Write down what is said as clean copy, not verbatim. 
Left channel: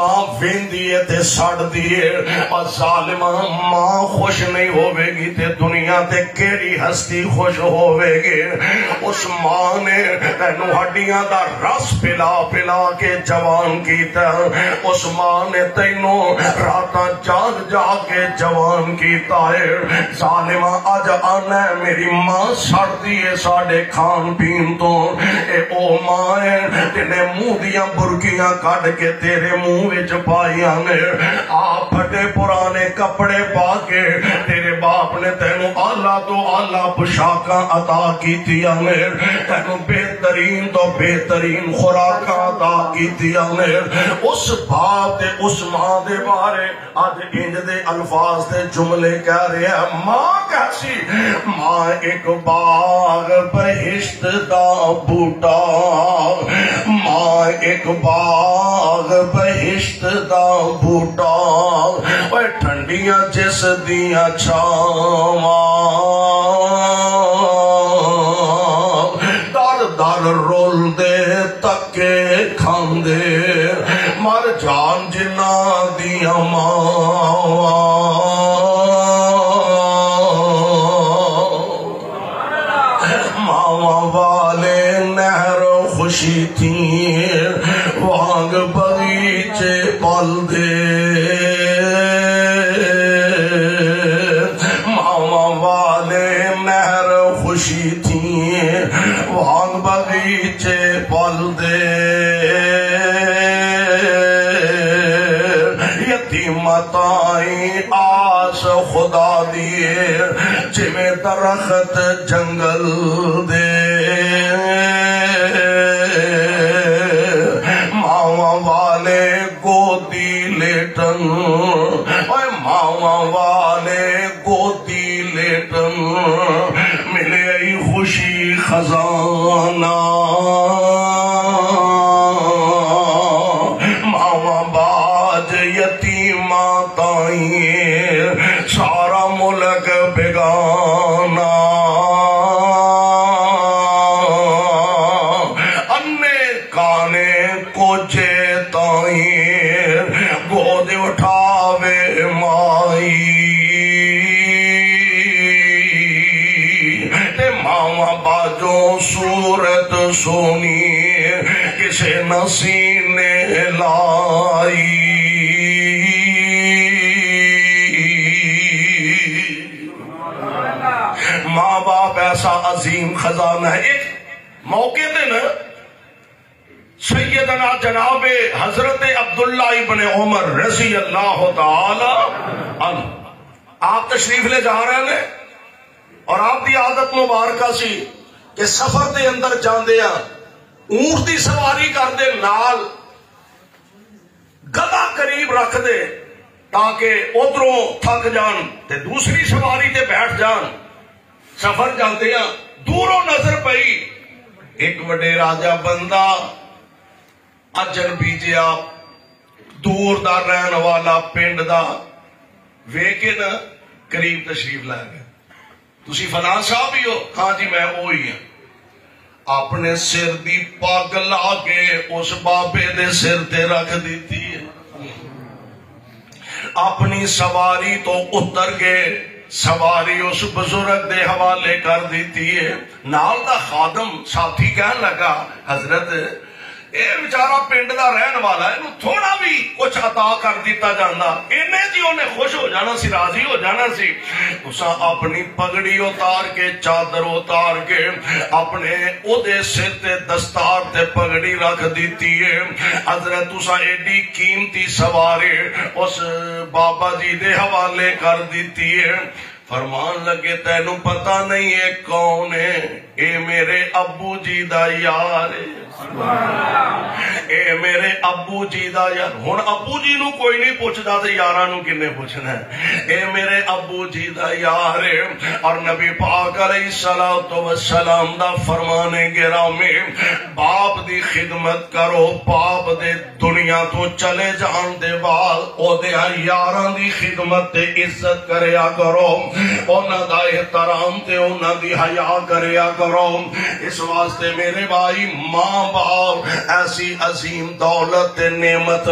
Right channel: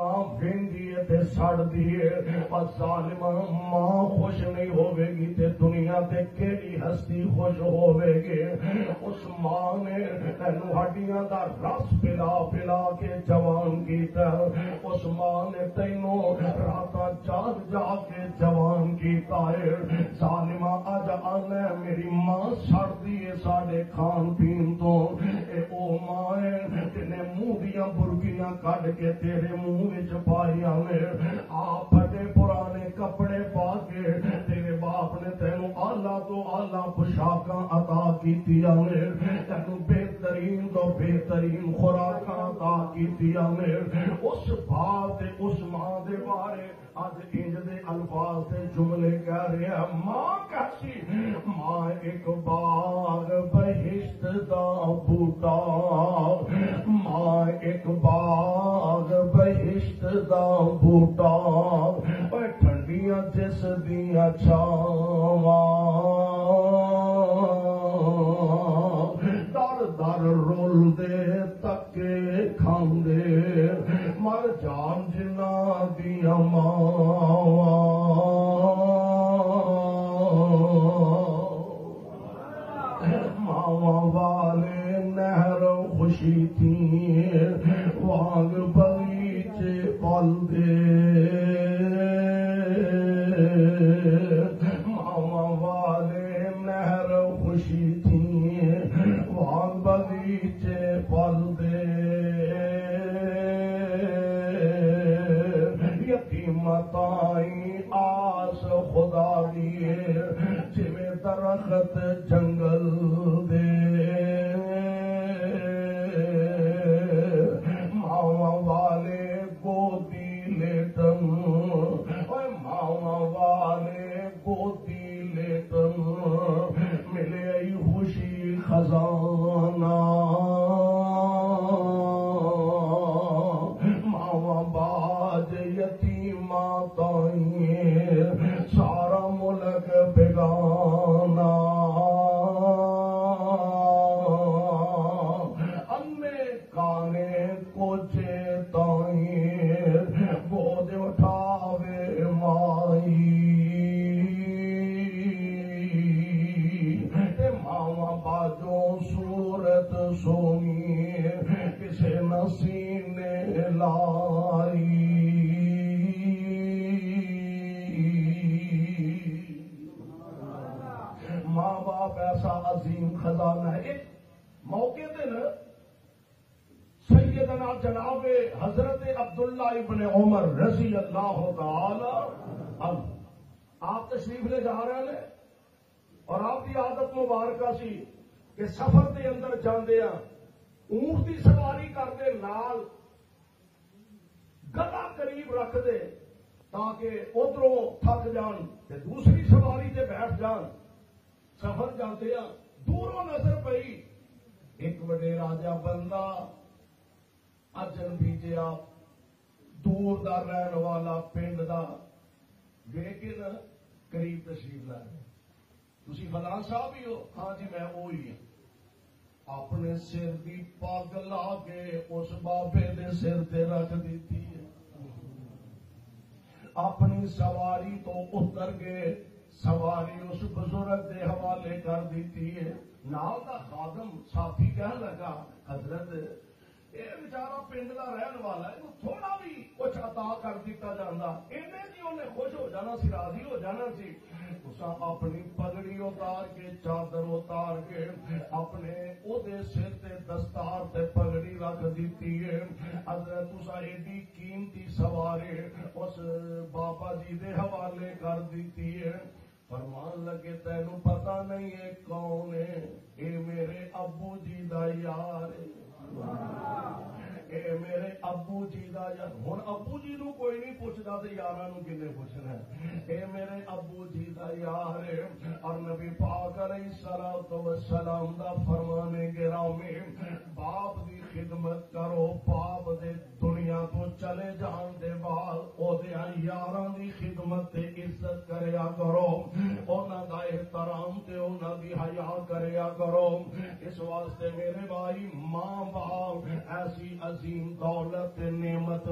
ماں ویندی ہے تے سڑ دیئے اور ظالمہ ماں خوش نہیں ہوئے گی تے دنیا تے کیڑی ہستی خوش ہوئے گی۔ اس ماں نے تینو ہڈیاں دا رس پلا پلا کے جوان کیتا، اس ماں نے تینو راتاں جاگ جاگ کے جوان کیتا ہے۔ ظالمہ آج آنا ہے میری ماں سڑ دیئے ساڑے کھان پین تو، اے او ماں ہے تینے منہ دیاں برکیاں کٹ کے تیرے منہ وچ پائیاں نے، آپ پھٹے پرانے کپڑے پا کے تیرے باپ نے تینو آلہ تو آلہ پشاکاں عطا کیتیاں نے، تینو بہترین تو بہترین خوراکاں عطا کیتیاں نے۔ اس باپ دے اس ماں دے بارے آج انج دے الفاظ دے جملے کہہ رہے ہیں۔ ماں کیسی؟ ماں ایک باغ بہشت دا بوٹا، ماں ایک باغ بہشت دا بوٹا، اوے ٹھنڈیاں جس دیاں چھاواں، در در رول دے تکے کھاندے، مر جان جنہ دیاں ماواں، ماواں والے نہر خوشی تھی وانگ بغیچے پل دے، ماواں والے نہر خوشی تھی وانگ بغیچے پل دے، یتیمتائیں آس خدا دیے جمیں درخت جنگل دے، ماواں والے گودی لیٹن، اوے ماواں والے گودی لیٹن، ملے ای خوشی خزانہ، ماواں باج یتیمہ تائیں سارا ملک بیگانہ، انے کانے کوچے تائیں گود اٹھاوے مائی، تے ماواں باجوں صورت سونی کسے نسینے لائی، ماں باپ ایسا عظیم خزانہ ہے۔ ایک موقع دے نا سیدنا جناب حضرت عبداللہ ابن عمر رضی اللہ تعالی عنہ آپ تشریف لے جا رہے ہیں، اور آپ دی عادت مبارکہ سی کہ سفر دے اندر جاندے ہیں اونٹ دی سواری کر دے، نال گدھا قریب رکھ دے تاکہ ادھروں تھک جان تے دوسری سواری تے بیٹھ جان۔ سفر جاندے ہیں دوروں نظر پئی ایک وڈے راجہ بندہ اجنبی جیا دور دا رہن والا پنڈ دا ویکے نا قریب تشریف لے گئے۔ تسی فلاں صاحب ہی ہو؟ ہاں جی میں وہی ہوں۔ اپنے سر دی پگ لا کے اس بابے دے سر تے رکھ دیتی ہے، اپنی سواری تو اتر گئے، سواری اس بزرگ دے حوالے کر دیتی ہے۔ نال دا خادم ساتھی کہن لگا حضرت اے بیچارہ پنڈ دا رہن والا ہے، انہوں تھوڑا بھی کچھ عطا کر دیتا جانا انہیں جی انہیں خوش ہو جانا سی، راضی ہو جانا سی۔ اساں اپنی پگڑی اتار کے چادر اتار کے اپنے او دے سر تے دستار تے پگڑی رکھ دیتی ہے۔ حضرت اساں ایڈی قیمتی سواری اس بابا جی دے حوالے کر دیتی ہے۔ فرمان لگے تینوں پتہ نہیں ہے کون ہے؟ اے میرے ابو جی دا یار ہے، اے میرے ابو جی دا یار۔ ہن ابو جی نو کوئی نہیں پوچھدا تے یاراں نو کنے پوچھنا ہے؟ اے میرے ابو جی دا یار ہے۔ اور نبی پاک علیہ السلام دا فرمان گرامی، باپ دی خدمت کرو، باپ دے دنیا تو چلے جان دے بعد او دے یاراں دی خدمت تے عزت کریا کرو، انہاں دا احترام تے انہاں دی حیا کریا کرو۔ اس واسطے میرے بھائی ماں باپ ایسی عظیم دولت نعمت